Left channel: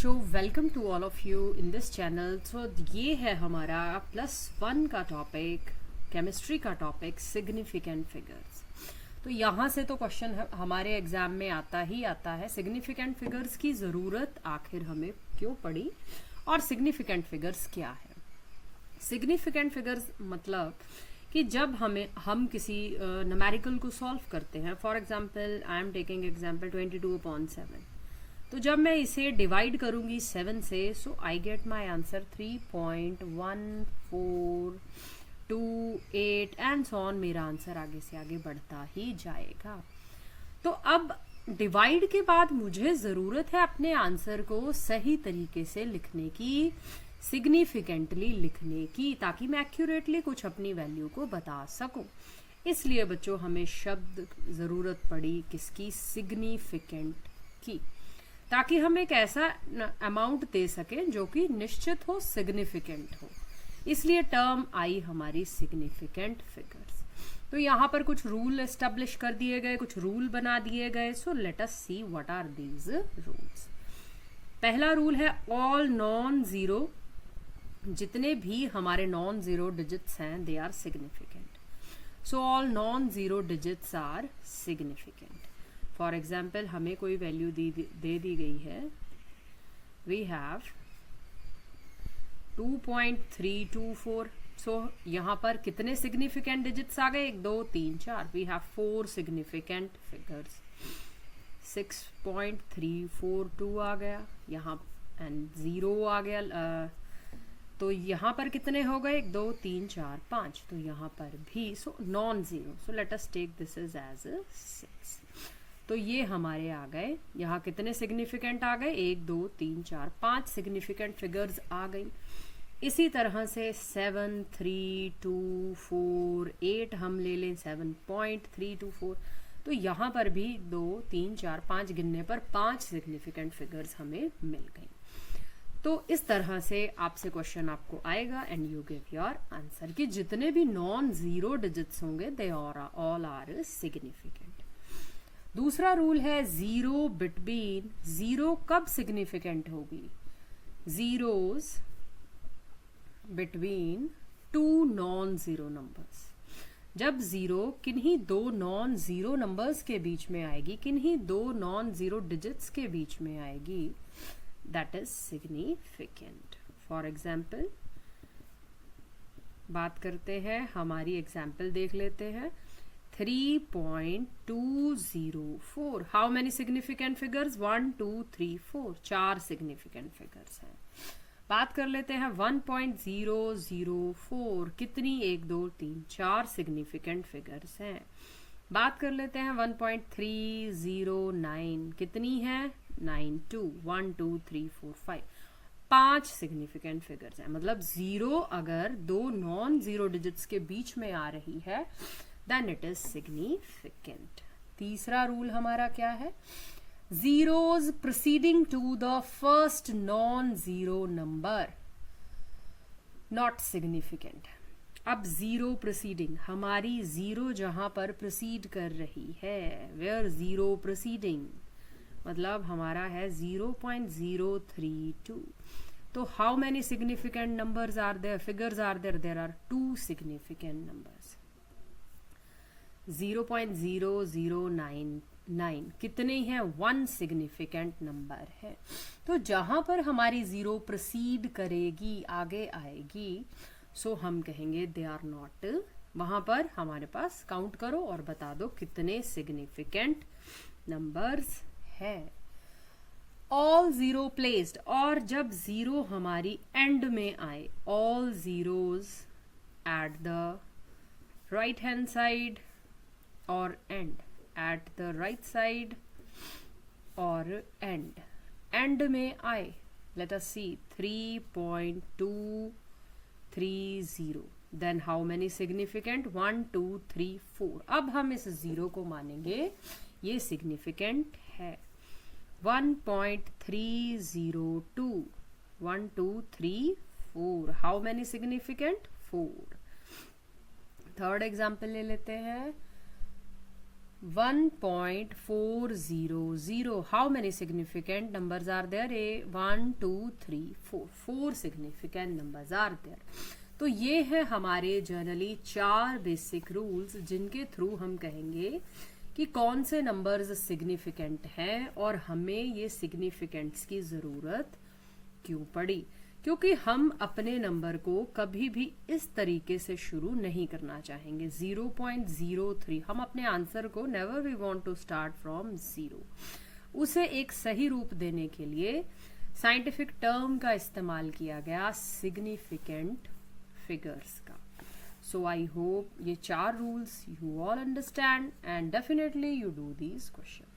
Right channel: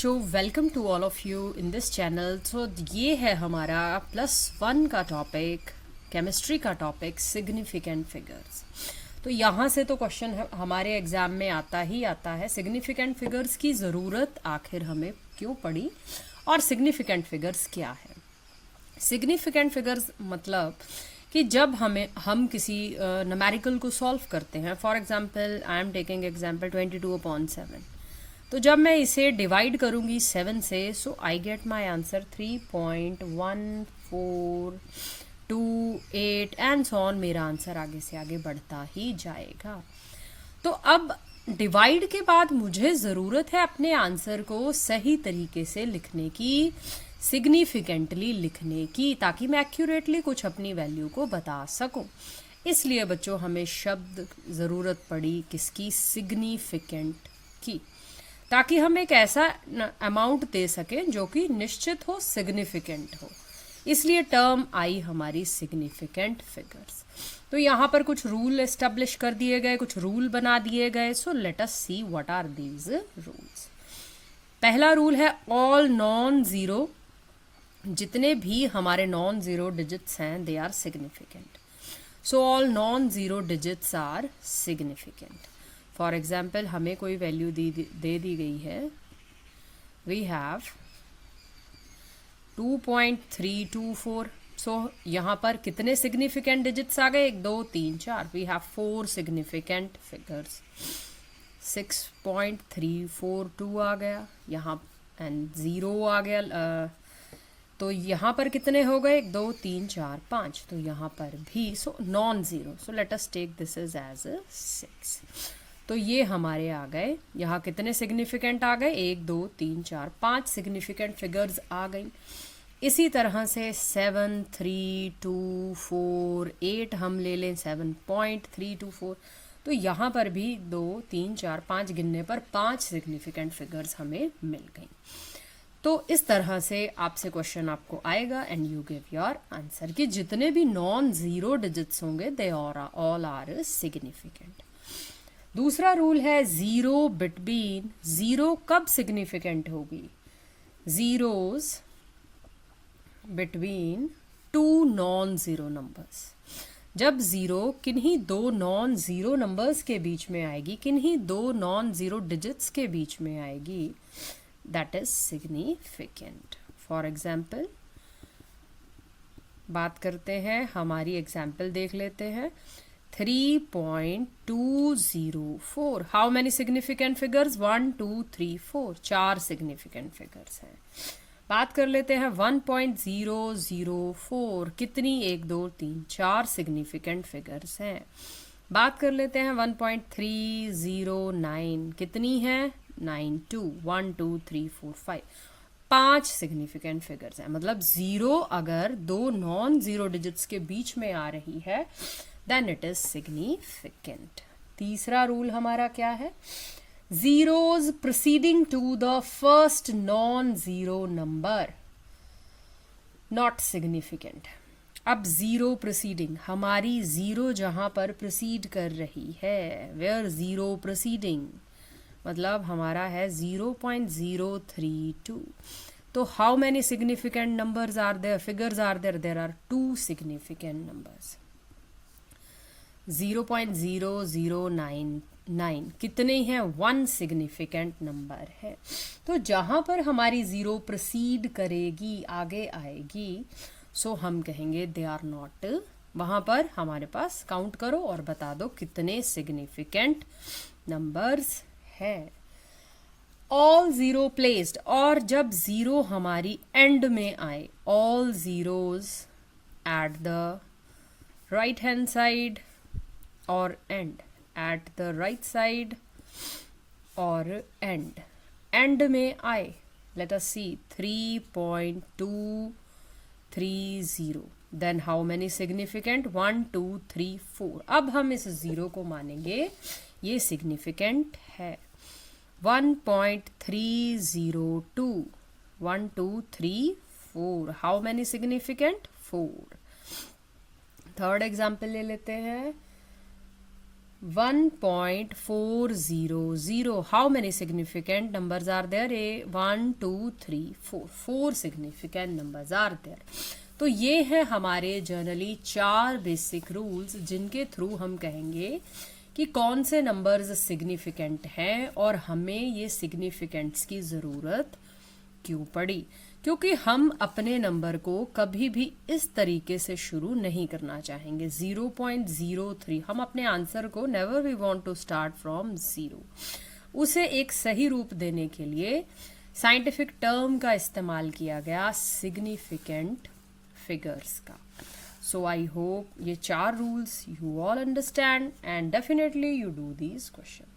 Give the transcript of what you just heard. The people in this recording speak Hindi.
बच्चों, welcome to all of you in this channel. तो ये है हमारा +1 का टॉपिक, केमिस्ट्री का टॉपिक सिग्निफिकेंट फिगर्स। तो यहाँ से तो क्वेश्चन हमारे एग्जाम में आता ही आता है, सिग्निफिकेंट फिगर्स की ज़रूरत आखिर हमें क्यों पड़ी और सिग्निफिकेंट फिगर्स क्या है। सिग्निफिकेंट फिगर्स मतलब कि जब हम किसी न्यूमेरिकल को सॉल्व करते हैं, for example I am taking example 22/7, तो जब मैं इसे डिवाइड करूंगी 7 से, so I get my answer 3.1428 and so on. मेरा आंसर आगे से आगे बढ़ता ही जाएगा। तो अब डिवाइड के बाद मुझे ज़रूरत है अपने आंसर को सही तरीके से लिखने की, सिग्निफिकेंटली लिखने की, ताकि मैं एक्यूरेटली कुछ अपनी वैल्यू को बता सकूं। इसलिए बच्चों हमें शब्द ज़रूरत पड़ी किसकी, सिग्निफिकेंट की, ताकि हम एक ऐसा अमाउंट दे सकें जो कि निश्चित हो, सिग्निफिकेंट हो। इसलिए टर्म आई हमारी सिग्निफिकेंट फिगर्स। तो यहाँ पर कुछ रूल एस्टेब्लिश कर दिए गए, कुछ रूल बना दिए गए। So let us see what are these rules. पहला रूल है ऑल नॉन ज़ीरो, जितने भी हमारे नॉन ज़ीरो डिजिट्स हैं they are significant. So all non zero digits are significant. For example हमें कोई वैल्यू दे दी गई है, वी हैव 2.324। सो यहाँ पर कितने सिग्निफिकेंट डिजिट्स आ गए, 1 2 3 4। We have 4 significant figures. 6.342 आ गया यहाँ, एंड 0 आ गया। तो यहाँ पर कितने हो गए, 1 2 3 4 5। तो यहाँ पर भी so non zero. So let us take this is as 6। तो ये हमारे आ गए, यहाँ कितने सिग्निफिकेंट आ गए, 1 2 3 4 5 सिग्निफिकेंट फिगर्स आ गई। इसी तरह से 7 3 2 4 8 हम ले लें, 7.324। तो यहाँ पर भी 2 3 4 5 गिनने पर 5 सिग्निफिकेंट फिगर्स हमें मिल गई। तो इस तरह से आपसे क्वेश्चन आपको आएगा and you give your answer कि जितने भी नॉन ज़ीरो डिजिट्स होंगे दे ऑल आर सिग्निफिकेंट। दूसरा रूल है ज़ीरो बिटवीन। ज़ीरो कब सिग्निफिकेंट होगी, zeros between 2 non zero numbers. जब ज़ीरो किन्हीं 2 नॉन ज़ीरो नंबर्स के बीच में आएगी, किन्हीं 2 नॉन ज़ीरो डिजिट्स के बीच में आएगी, that is significant. For example बात करते हैं, हमारी एग्जाम्पल देख लेते हैं। 3.204। How many significant figures, 1 2 3 4, 4 significant figures हैं। बात कर लेते हैं 1.004, कितनी, 1 2 3 4 सिग्निफिकेंट फिगर्स हैं। बात कर लेते हैं 1.309, कितनी है, 92, 1 2 3 4 5, 5 सिग्निफिकेंट फिगर्स हैं। मतलब ज़ीरो अगर 2 नॉन ज़ीरो डिजिट्स के बीच में आ रही है देन इट इज सिग्निफिकेंट। तीसरा रूल हमारा क्या है, zeros proceeding to the first non zero number not significant. अब ज़ीरो प्रोसीडिंग, हमारी ज़ीरो जहाँ पर प्रोसीड कर रही है, वेयर ज़ीरो प्रोसीडिंग, मतलब हमारा है 0.032। तो how many significant numbers are there, figures are there, there are 2 significant numbers. 0.0099 कितने हैं, 1 सिग्निफिकेंट नंबर है। तो जहाँ पर हमारी ज़ीरो प्रोसीड करेगी, आगे आएगी, सो हम कहेंगे दे आर नॉट। वहाँ पर हमारे पास काउंट करो और बता दो कितने सिग्निफिकेंट नंबर्स है। ऑल ज़ीरो प्लेस्ड, और जब ज़ीरो हमारी एंड में आए, all zeros at the right hand side और end, at the right side और एंड में आए, let us see 3.230, then how many significant, 1 2 3 4। अब हम इस ज़ीरो को मानेंगे ये सिग्निफिकेंट है। 1.302, 1 2 3 4, how many significant, 4। Third example ले लेते हैं, 1.400. How many significant numbers are there? 1, 2, 3, 4. 4 significant numbers are there. तो ये है हमारे जनरली 4 बेसिक रूल्स जिनके थ्रू हम कहेंगे कि कौन से नंबर्स सिग्निफिकेंट हैं और हमें ये सिग्निफिकेंट्स की ज़रूरत क्यों पड़ी। क्योंकि हम अपने नंबर को कभी भी इस तरीके से शुरू नहीं करना चाहेंगे। 0.03 हम अपने आंसर को never we want to start from 0। उसे एक सही रूप देने के लिए साइंटिफिक टर्म का इस्तेमाल किया गया, सिग्निफिकेंट फिगर्स का। सो आई होप ये 4 rules you all understand and definitely you do these questions.